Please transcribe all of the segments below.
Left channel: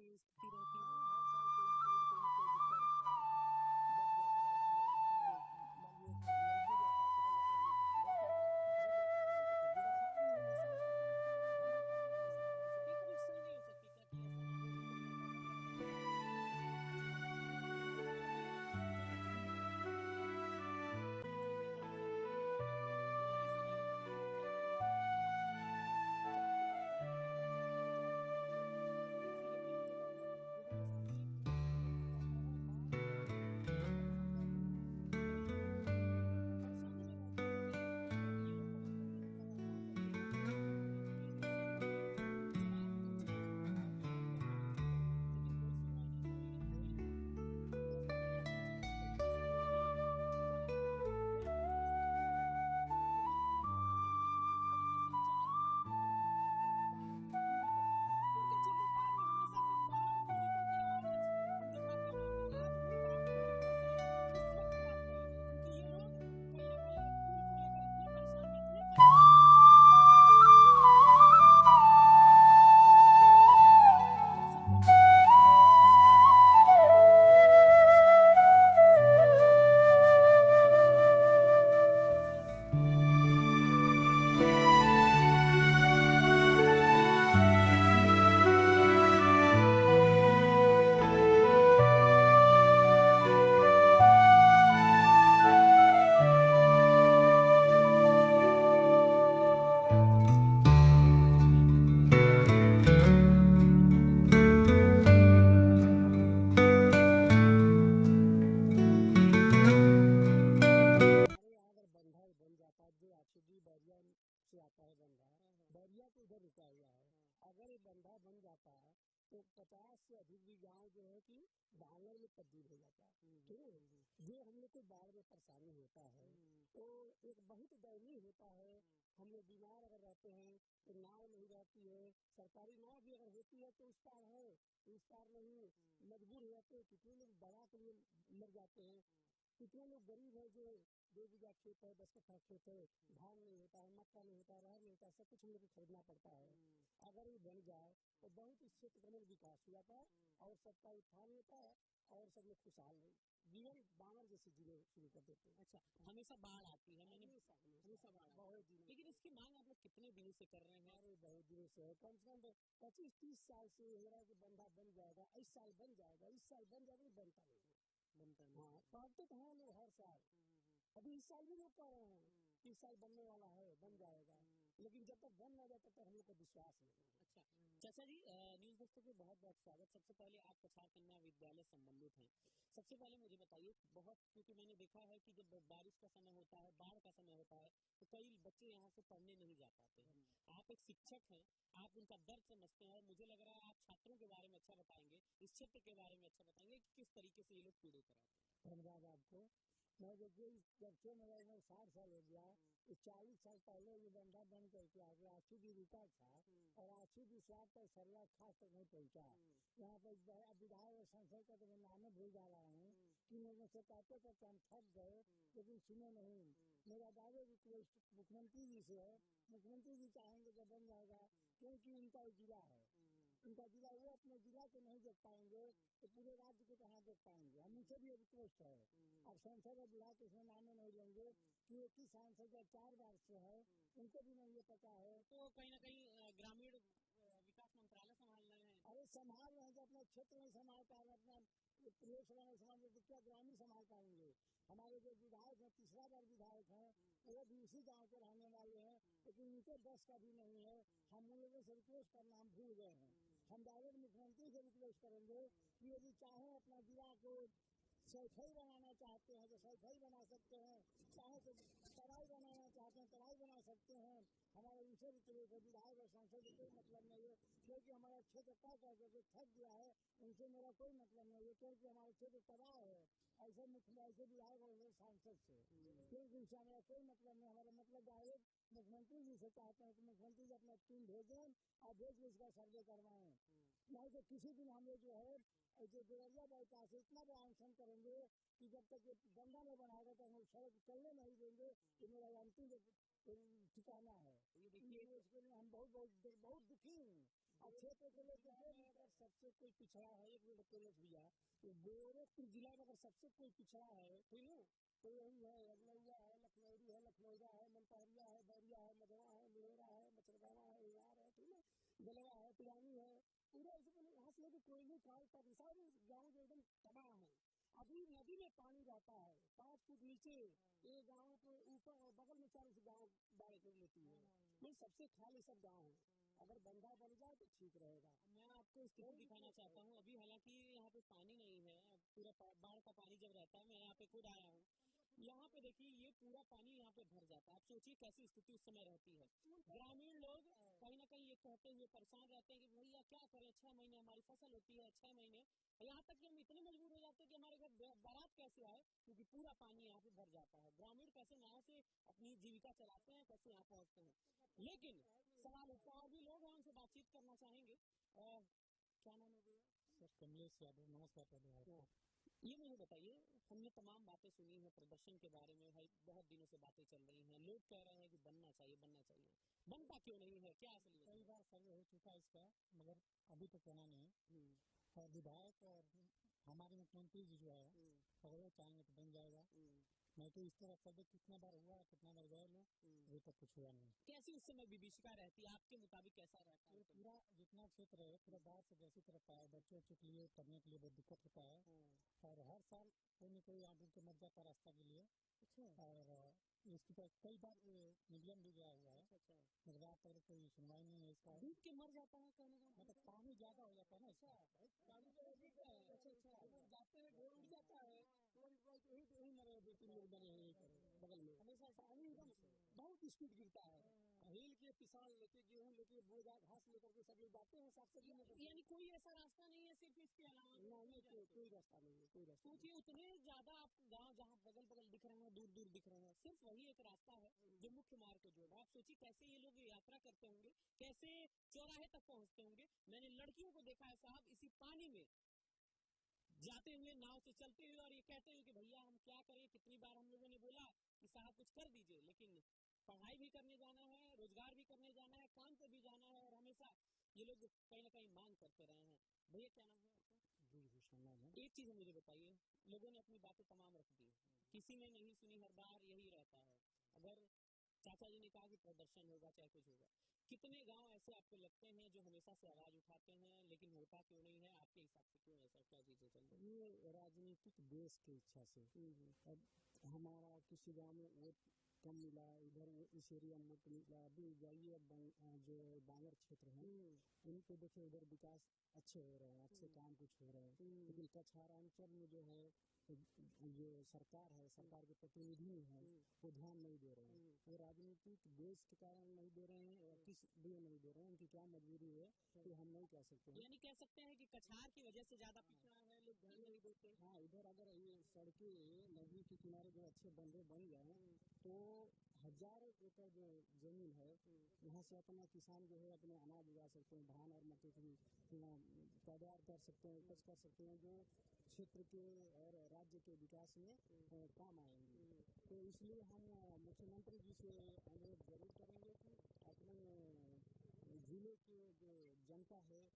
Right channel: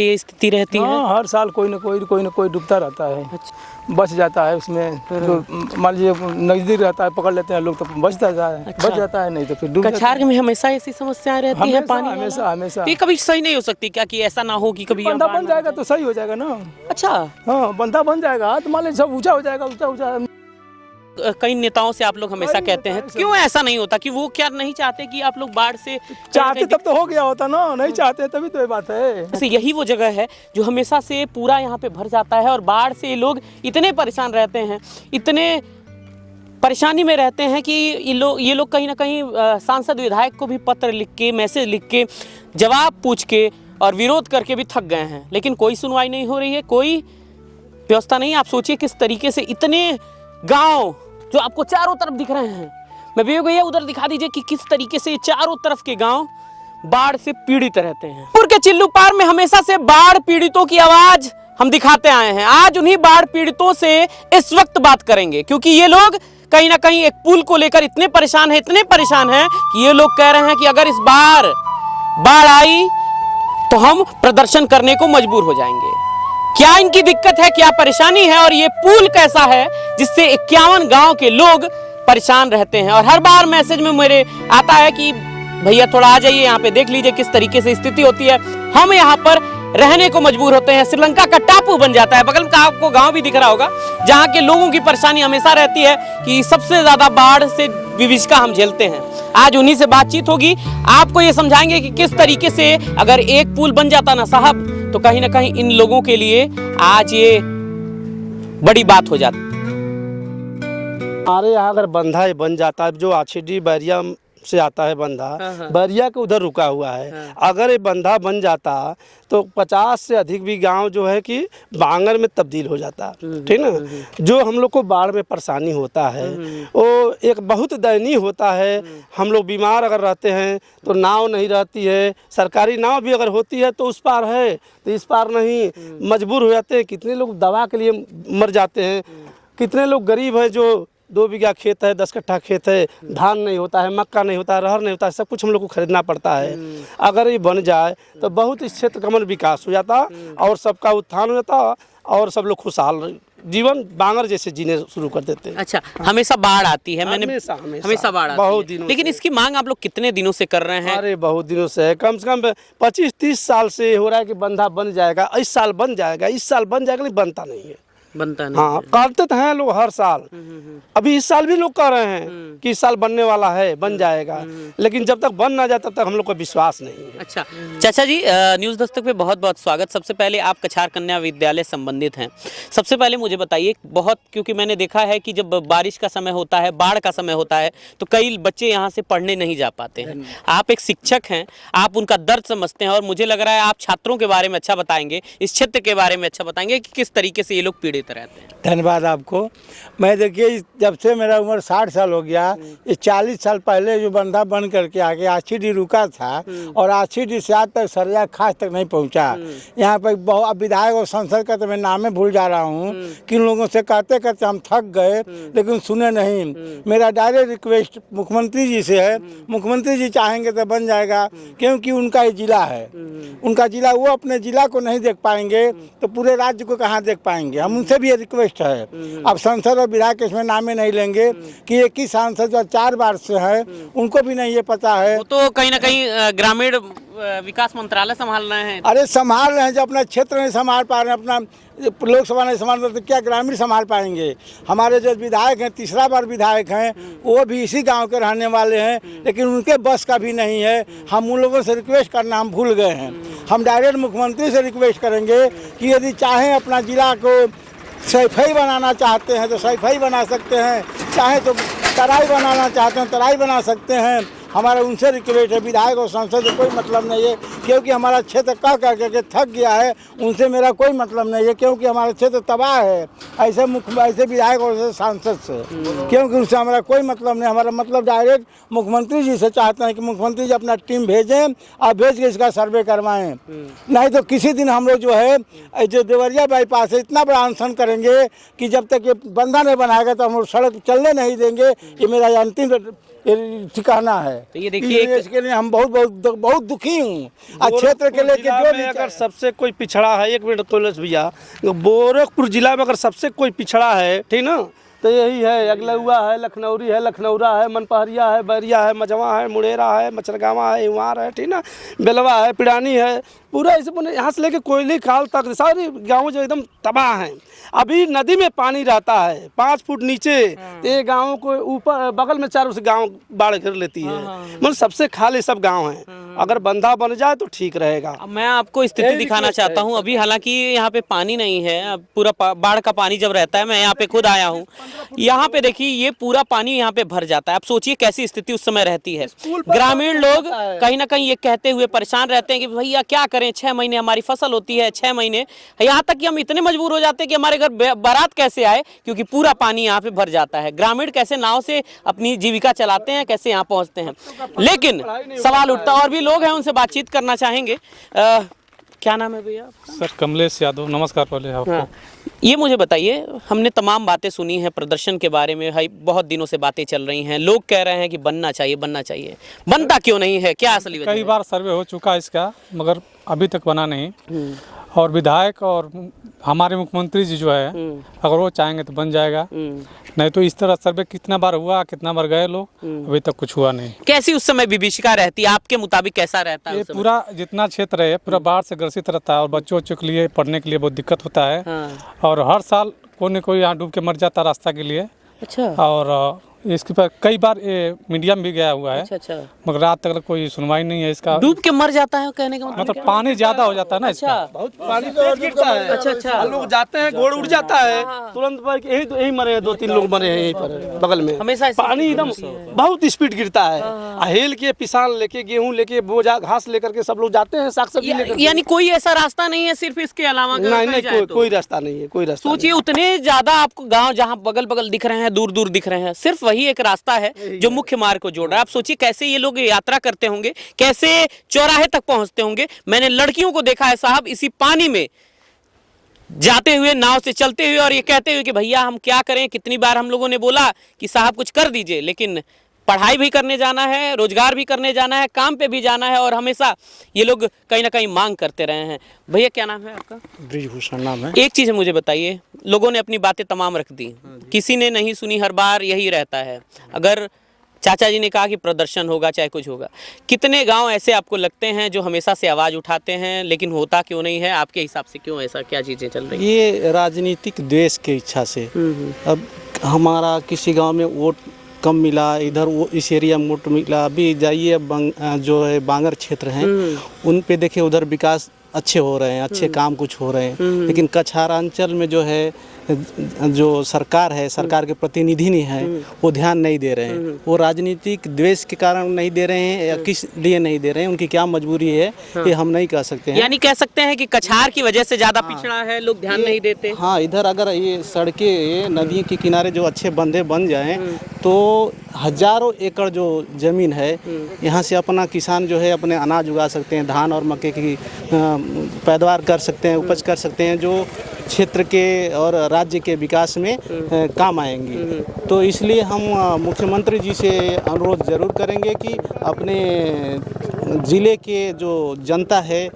ये स्थिति रहती है। हाँ, हर साल कोई न कोई डूबता रहता है। अच्छा। बच जाता है उसमें, जो मान लीजिए नज़दीक रहता है पकड़ लेते हैं लोग तो बच जाता है। अच्छा। बच जाता है, नहीं तो फिर डूब जाता कछार में हमेशा ऐसी समस्याएं रहती हैं पानी वाला? हमेशा हमेशा। तो ये कभी सही नहीं हो सकती क्या कि ऐसा ना हो कि कभी बंधा यहाँ बन जाएगा तो सही हो जाएगा ना। अच्छा। हाँ, बंधा बन जाएगा तो मान लीजिए सब ऊंचा हो जाएगा, ऊंचा। कई नेताओं से आप लोग हमेशा कहते हैं, क्यों ऐसा नहीं होता कि वो क्या नहीं चाहते कि आप लोग बाढ़ से चाहते तब तो हो गया होता ना, नहीं चाहते तभी तो ये बात है। वैसे यही वो जगह है जो हमेशा से पूरा यहाँ पे भर जाता है और बाढ़ से लोग इतने परेशान रहते हैं, इतने परेशानी में रहते हैं कि ये लोग कहीं ना कहीं सांसद विधायक को भी पत्र लिख के, मैसेज लिख के, जवाब पूछ के और विरोध करके भी थक गए हैं, लेकिन कोई सुनवाई नहीं हो रही है, कोई व्यवस्था नहीं। आप सोचिए किस तरीके से इतने गांव जो आपको चारों तरफ दिख रहे हैं, मैं भी भैया उधर दिखा दीजिए कि किस तरीके से चारों तरफ के गांव बाढ़ से पीड़ित रहते हैं। पुर के चिल्लू पार में हमेशा से बाढ़ पीड़ितों की आवाज हम दिखाते आए हैं। आज उन्हीं बाढ़ पीड़ितों से इस वक्त बात करेंगे, क्योंकि ये लोग कहीं ना कहीं एक पुल को लेकर इतने परेशान हैं कि ये लोग कह रहे हैं कि अगर इस बार बाढ़ आई तो हम प्रदर्शन करने को मजबूर हो जाएंगे। क्या इनकी दिक्कत है, क्या परेशानी है और ये पुल कैसा है जिससे 51 गांव के लोग परेशान रहते हैं। और हर बार मैसेज में मेरे आता है कि भैया थोड़ा आ जाइए, यहाँ पे देख लीजिए किस तरीके से स्थिति होती है। हम यहाँ पर रहने को मजबूर होते हैं। श्रीलंका का टापू बन जाता है। बगल का आपको गांव भी दिख रहा होगा जहाँ के लोगों की परेशानी हमेशा रहती है कि सबसे ज्यादा बाढ़ से विभीषिका हम झेलते हैं। आज उन्हीं से बातचीत होगी, आपको ये समझाएंगे कि किस तरीके से अगर एक पुल बन जाता ना साहब तो कहीं ना कहीं इन लोगों के लिए आज ये बड़ी बात हो जाती। हमारे यहाँ अगर बंधा बन जाता है, जो आछीडी बैरिया से आता है बंधा, बैरिया के उधर रुका हुआ है, अगर ये बंधा बन जाता तो 50 से अधिक भी गांव जो है कि बांगर में तब्दील हो जाता। ठीक ना। जो हम लोग को बाढ़ में परेशानी होता है वो एक बहुत दयनीय होता है। हम लोग बीमार अगर रहते हैं तो नाव नहीं रहती है, सरकारी नाव भी अगर होती है तो उस पार है तो इस पार नहीं, मजबूर हो जाते हैं। कितने लोग दवा के लिए मर जाते हैं, कितने लोग गरीब हैं जो 2 बीघा खेत है, 10 कट्ठा खेत है, धान नहीं होता है, मक्का नहीं होता है, रहर नहीं होता है, सब कुछ हम लोग को खरीदना पड़ता है। अगर ये बन जाए तो बहुत इस क्षेत्र का मन विकास हो जाता और सबका उत्थान हो जाता और सब लोग खुशहाल जीवन बांगर जैसे जीने शुरू कर देते हैं। अच्छा, हमेशा बाढ़ आती है? मैंने हमेशा बाढ़ आती बहुत है। दिनों लेकिन इसकी मांग आप लोग कितने दिनों से कर रहे हैं? अरे बहुत दिनों से है, कम से कम 25-30 साल से हो रहा है कि बंधा बन जाएगा, इस साल बन जाएगा, इस साल बन जाएगा, नहीं बनता नहीं है। बनता नहीं। हाँ, करते तो हैं लोग हर साल। अभी इस साल भी लोग कह रहे हैं कि इस साल बनने वाला है, बन जाएगा, लेकिन जब तक बन ना जाए तब तक हम लोग को विश्वास नहीं है। अच्छा चाचा जी, न्यूज़ दस्तक पे बहुत बहुत स्वागत। सबसे पहले आप कछार कन्या विद्यालय संबंधित हैं, सबसे पहले मुझे बताइए बहुत, क्योंकि मैंने देखा है कि जब बारिश का समय होता है, बाढ़ का समय होता है तो कई बच्चे यहाँ से पढ़ने नहीं जा पाते हैं। आप एक शिक्षक हैं, आप उनका दर्द समझते हैं और मुझे लग रहा है आप छात्रों के बारे में अच्छा बताएंगे, इस क्षेत्र के बारे में अच्छा बताएंगे कि किस तरीके से ये लोग पीड़ित रहते हैं। धन्यवाद आपको। मैं देखिए जब से मेरा उम्र 60 साल हो गया, ये 40 साल पहले जो बंधा बन करके आगे आछीडी रुका था और आछीडी से आज तक सरिया खास तक नहीं पहुंचा। यहाँ पर बहुत विधायक और संसद का तो मैं नामे भूल जा रहा हूँ, किन लोगों से कहते कहते हम थक गए लेकिन सुने नहीं। मेरा डायरेक्ट रिक्वेस्ट मुख्यमंत्री जी से है, मुख्यमंत्री जी चाहेंगे तो बन जाएगा, क्योंकि उनका ये जिला है, उनका जिला, वो अपने जिला को नहीं देख पाएंगे तो पूरे राज्य को कहाँ देख पाएंगे। हम उनसे भी ये रिक्वेस्ट है। अब सांसद और विधायक इसमें नामे नहीं लेंगे कि एक ही सांसद जो 4 बार से है उनको भी नहीं ये पता है। वो तो कहीं ना कहीं ग्रामीण विकास मंत्रालय संभाल रहे हैं। अरे संभाल रहे हैं, जो अपना क्षेत्र नहीं संभाल पा रहे हैं, अपना लोकसभा नहीं संभाल रहे तो क्या ग्रामीण संभाल पाएंगे। हमारे जो विधायक हैं, तीसरा बार विधायक हैं, वो भी इसी गांव के रहने वाले हैं, लेकिन उनके बस का भी नहीं है। हम उन लोगों से रिक्वेस्ट करना हम भूल गए हैं। हम डायरेक्ट मुख्यमंत्री से रिक्वेस्ट करेंगे कि यदि चाहें अपना जिला को सैफई बनाना चाहते हैं तो सैफई बना सकते हैं, चाहे तो तराई बनाना चाहते हैं तराई बना सकते हैं। हमारा उनसे रिक्वेस्ट है, विधायक और सांसद से कोई मतलब नहीं है, क्योंकि हमारा क्षेत्र कह करके थक गया है। उनसे मेरा कोई मतलब नहीं है, क्योंकि हमारा क्षेत्र तबाह है ऐसे विधायक और ऐसे सांसद से, क्योंकि उनसे हमारा कोई मतलब नहीं। हमारा मतलब डायरेक्ट मुख्यमंत्री जी से चाहते हैं कि मुख्यमंत्री जी अपना टीम भेजें और भेज के इसका सर्वे करवाएं। नहीं तो किसी दिन हम लोग जो है जो देवरिया बाईपास है इतना बड़ा अनशन करेंगे कि जब तक ये बंधा नहीं बनाएगा तो हम लोग सड़क चलने नहीं देंगे। ये मेरा अंतिम ये ठिकाना है। तो ये देखिए इसके लिए हम बहुत दुखी हूँ। आज क्षेत्र के लेके जो भी अगर सबसे कोई पिछड़ा है, 1 मिनट कैलाश भैया, गोरखपुर जिला में अगर सबसे कोई पिछड़ा है, ठीक ना, तो यही है। अगलुआ है, लखनौरी है, लखनौरा है, मनपहरिया है, बैरिया है, मझवा है, मुड़ेरा है, मचरगावा है, इवार है, ठीक ना, बेलवा है, पिड़ानी है, पूरा इसे यहाँ से लेके कोयली खाल तक सारे गाँव जो एकदम तबाह हैं। अभी नदी में पानी रहता है 5 फुट नीचे, ये गाँव को ऊपर बगल में चारों से गाँव बाढ़ घेर लेती है। मतलब सबसे खाली सब गाँव हैं। अगर बंधा बन जाए तो ठीक रहेगा। अब मैं आपको स्थिति दिखाना चाहता हूँ। अभी हालांकि यहाँ पे पानी नहीं है, अब पूरा बाढ़ का पानी जब रहता है, मैं यहाँ पे खुद आया हूँ, यहाँ पे देखिए ये पूरा पानी यहाँ पे भर जाता है। आप सोचिए कैसी स्थिति उस समय रहती है। ग्रामीण लोग कहीं ना कहीं ये कहते हुए परेशान रहते हैं कि भैया क्या करें, 6 महीने हमारी फसल होती है, 6 महीने, यहाँ तक कि हम इतने मजबूर हो जाते हैं कि हमारे घर बारात कैसे आए, क्योंकि पूरा पानी यहाँ पे भर जाता है। ग्रामीण कैसे नाव से अपनी जीविका चलाते हैं, कैसे यहाँ पहुँचते हैं। लेकिन सवाल उठता है, और भी लोग हैं, उनसे बातचीत करना चाहेंगे। क्या नाम है भैया? सर कमलेश यादव। नमस्कार पहले आपको। हाँ। ये मुझे बताइए, हमने तमाम बातें सुनी हैं प्रदर्शन के बारे में, भाई बहुत दिनों से बातें चल रही हैं, लोग कह रहे हैं कि बनना चाहिए, बनना चाहिए, बनता क्यों नहीं है, क्या असली वजह कई है? बार सर्वे हो चुका है इसका, मगर अभी तक बना नहीं। और विधायक और हमारे मुख्यमंत्री जी जो है, अगर वो चाहेंगे तो बन जाएगा, नहीं तो इस तरह सर्वे कितना बार हुआ, कितना बार गए लोग, अभी तक कुछ हुआ नहीं। कैसी उस समय विभीषिका रहती है, आपके मुताबिक कैसा रहता है ये उस समय? पूरा जितना क्षेत्र है पूरा बाढ़ से ग्रसित रहता है, और बच्चों के लिए पढ़ने के लिए बहुत दिक्कत होता है। हाँ। और हर साल कोई न कोई यहाँ डूब के मर जाता है रास्ता के लिए। अच्छा और इसके पर कई बार ये मीडिया में भी गया हुआ है, अच्छा अच्छा, मगर रात तक कोई सुनवाई नहीं है इसका। डूब के मर जाता है कहने का मतलब? मतलब पानी ज्यादा हो जाता है ना इसका। अच्छा पानी तो गिरता है। अच्छा अच्छा, लोग जाते हैं, गोड़ उड़ जाता है तुरंत, यही मरे हैं, 2-3 लोग मरे हैं यहीं पर बगल में। हमेशा ऐसे पानी एकदम बहुत स्पीड गिरता है। हेल के पिसान लेके, गेहूं लेके, बोझा घास लेकर के सब लोग जाते हैं, साग सब्जी लेकर। यानी कोई ऐसा रास्ता नहीं है सिर्फ इसके अलावा? अगर नहीं कहीं नहीं, जाए तो? कोई रास्ता नहीं है, कोई रास्ता सोचिए उतने ज्यादा आपको गांव जहां बगल बगल दिख रहे हैं, दूर दूर दिख रहे हैं, सिर्फ वही एक रास्ता है जो मुख्य मार्ग को जोड़ रहा है। आप सोचिए कैसे ये लोग यात्रा करते होंगे, कैसे चौराहे तक पहुंचते होंगे। मैंने लड़कियों को देखा है साहब इसी पानी में जाते हुए, नाव से चलते हुए, और ये कहते हुए कि भैया हम क्या करें। कितनी बार हम लोगों ने बोला कि साहब कुछ कर दीजिए, लेकिन पढ़ाई भी करने जाना है, रोजगार भी करने जाना है, काम पे भी जाना है, और हमेशा ये लोग कहीं ना कहीं मांग करते रहे हैं। भैया क्या नाम है आपका? ब्रिजभूषण नाम है। एक चीज मुझे बताइए, लोगों ने अपनी बातें तमाम रख दी, किसी ने नहीं सुनी, हर बार यही रहता है। अगर चाचा जी ने कहा कि प्रदर्शन होगा, चाहे कुछ होगा, कितने गांव ऐसे आपको लगते हैं जो हमेशा से आवाज़ उठाते हैं, लेकिन होता क्यों नहीं है? आपके हिसाब से क्यों ऐसा, क्या चीज़ें चल रही हैं? ये राजनीतिक द्वेष की इच्छा से। अब हमारा किसी गांव में वोट कम मिला, इधर वो इस एरिया में वोट मिला। अभी जाइए जो है बांगर क्षेत्र हैं, उन पे देखिए उधर विकास अच्छे हो रहे हैं, अच्छे काम कुछ हो रहे हैं, लेकिन कछारांचल में जो है जो सरकार है, सरकार के प्रतिनिधि नहीं है, वो ध्यान नहीं दे रहे हैं। वो राजनीतिक द्वेष के कारण नहीं दे रहे हैं या किस लिए नहीं दे रहे हैं, उनकी क्या मजबूरी है, ये हम नहीं कह सकते हैं। यानी कह सकते हैं कि कछार की वजह से ज्यादा पिछड़ा है, लोग ध्यान नहीं देते। हाँ, इधर अगर ये सड़कें, नदी के किनारे जो अच्छे बंधे बन जाएं तो हजारों एकड़ जो जमीन है, यहाँ से अपना किसान जो है अपने अनाज उगा सकते हैं, धान और मक्के की पैदावार कर सकते हैं, उपज कर सकते हैं, जो क्षेत्र के और राज्य के विकास में काम आएंगी। तो इसलिए हम मुख्यमंत्री जी से अनुरोध जरूर करेंगे कि अपने ज़िले के जो जनता है,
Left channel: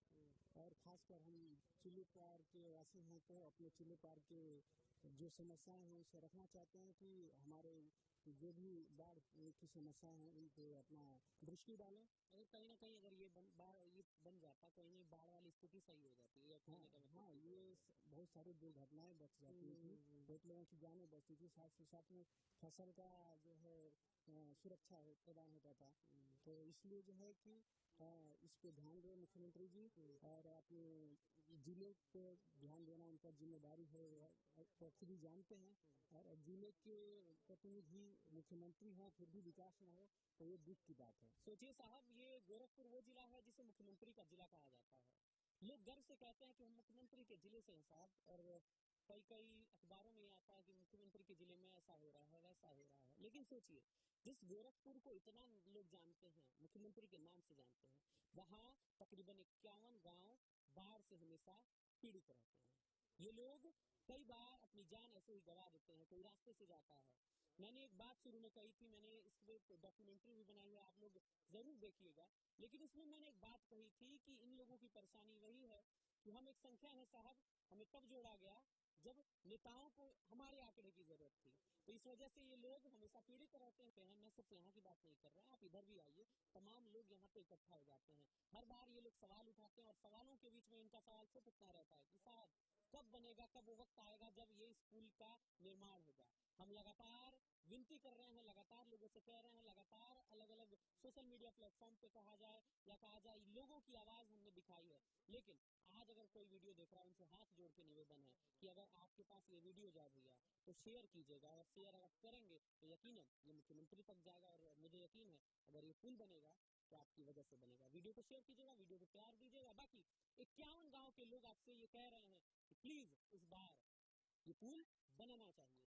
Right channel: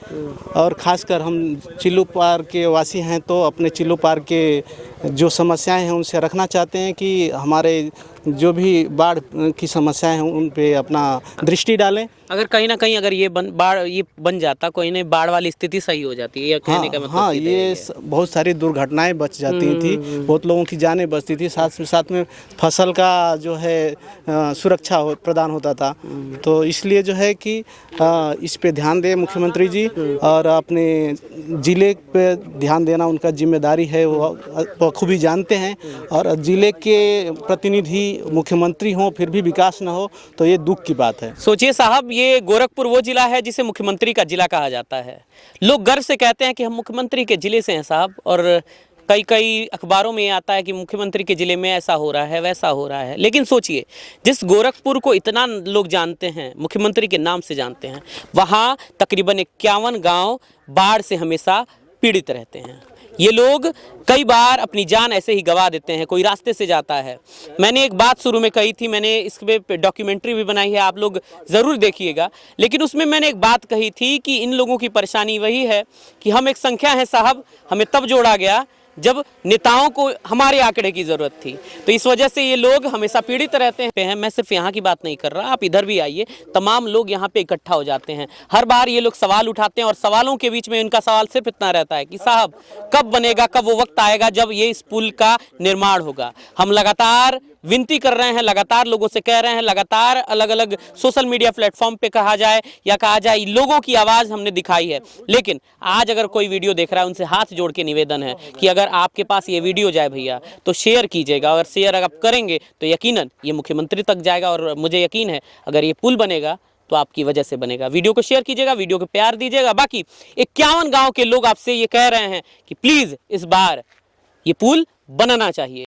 और ख़ासकर हम चिल्लू पार के वासी हैं, तो अपने चिल्लू पार के जो समस्याएं हैं उनसे रखना चाहते हैं कि हमारे जो भी बाढ़ की समस्याएं हैं उन पे अपना दृष्टि डालें। अगर कहीं ना कहीं अगर ये बन जाता, कोई नहीं, बाढ़ वाली स्थिति सही हो जाती है, ये कहने का मतलब हाँ, सीधे ये बहुत सारी दुर्घटनाएं बच जाती थी, बहुत लोगों की जानें बचती थी, साथ में फसल का जो है सुरक्षा प्रदान होता था। तो इसलिए जो है कि इस पे ध्यान दें मुख्यमंत्री जी, और अपने ज़िले पे ध्यान देना उनका जिम्मेदारी है, वो खूबी जानते हैं। और ज़िले के प्रतिनिधि मुख्यमंत्री हों फिर भी विकास ना हो, तो ये दुख की बात है। सोचिए साहब, ये गोरखपुर वो जिला है जिसे मुख्यमंत्री का जिला कहा जाता है। लोग गर्व से कहते हैं कि हम मुख्यमंत्री के जिले से हैं साहब, और कई अखबारों में आता है कि मुख्यमंत्री के जिले में ऐसा हो रहा है, वैसा हो रहा है। लेकिन सोचिए, जिस गोरखपुर को इतना लोग जानते हैं, मुख्यमंत्री के नाम से जानते हैं, वहाँ तकरीबन 51 गाँव बाढ़ से हमेशा पीड़ित रहते हैं। ये लोग कई बार अपनी जान ऐसे ही गंवा देते हैं, कोई रास्ते से जाता है। मैंने एक बात शुरू में कही थी, मैंने इस पे डॉक्यूमेंट्री भी बनाई है, आप लोग ज़रूर देखिएगा। लेकिन उसमें मैंने एक बात कही थी कि इन लोगों की परेशानी वही है कि हम एक संख्या है साहब, हमें तब जोड़ा गया जब नेताओं को हमारे आंकड़े की ज़रूरत थी। तो इस वजह से ये लोग हमेशा पीड़ित रहते हैं। मैं सिर्फ यहाँ की बात नहीं कर रहा, आप इधर भी आइए, तमाम लोग यहाँ पे इकट्ठा हो जाते हैं। हर बार ये लोग सवाल उठाते हैं और सवालों के बीच में इनका सवाल सिर्फ इतना रहता है कि साहब कब बनेगा, कब वो वक्त आएगा जब ये इस पुल का निर्माण होगा। हम लगातार विनती कर रहे हैं, लगातार लोगों से कह रहे हैं, लगातार अलग अलग सोशल मीडिया प्लेटफॉर्म पे कहा जाए या कहा जाए, लोगों की आवाज़ हमने दिखाई है। लेकिन आज अगर कोई वीडियो देख रहा है, उनसे हाथ जोड़ के निवेदन है कि अगर आपके पास ये वीडियो जाए भैया तो शेयर कीजिएगा। अगर शेयर अगर आप करेंगे तो यकीनन ये मुख्यमंत्री तक जाएगा और मुझे यकीन है अगर ये पुल बनेगा तो आपकी वजह से बनेगा। वीडियो को शेयर कीजिएगा, वीडियो को प्यार दीजिएगा। बाकी 51 गाँव के लोग आपसे ये कह रहे हैं कि प्लीज़ इस बार ये पुल बनाना चाहिए।